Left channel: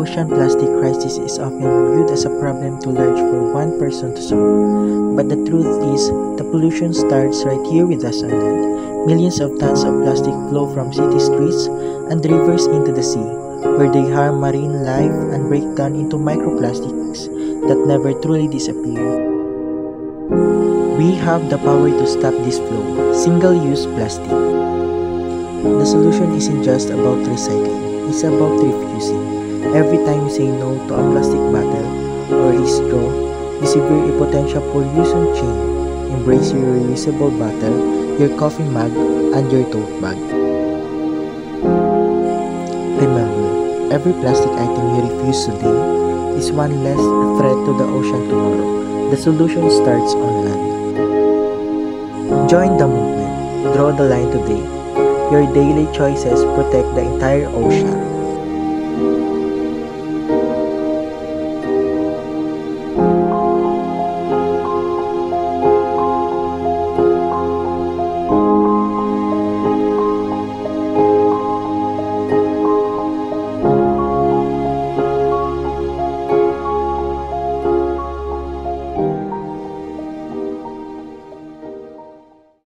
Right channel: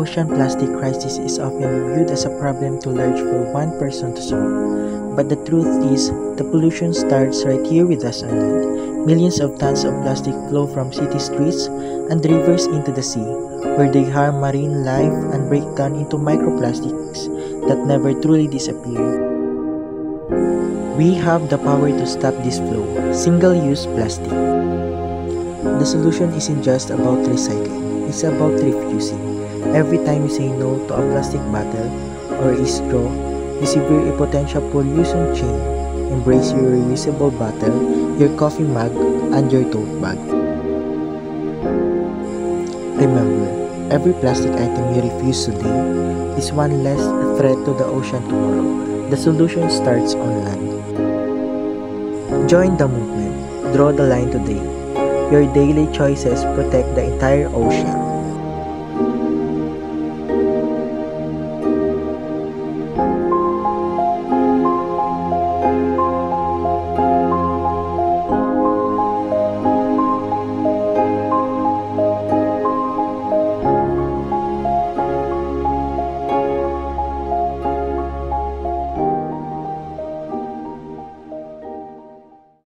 ocean plastic crisis is often viewed as a problem too large for one person to solve. But the truth is, the pollution starts right here with us on land. Millions of tons of plastic flow from city streets and rivers into the sea, where they harm marine life and break down into microplastics that never truly disappear. We have the power to stop this flow. Single-use plastic. The solution isn't just about recycling, it's about refusing. Every time you say no to a plastic bottle or a straw, you sever a potential pollution chain. Embrace your reusable bottle, your coffee mug, and your tote bag. Remember, every plastic item you refuse today is one less threat to the ocean tomorrow. The solution starts on land. Join the movement. Draw the line today. Your daily choices protect the entire ocean.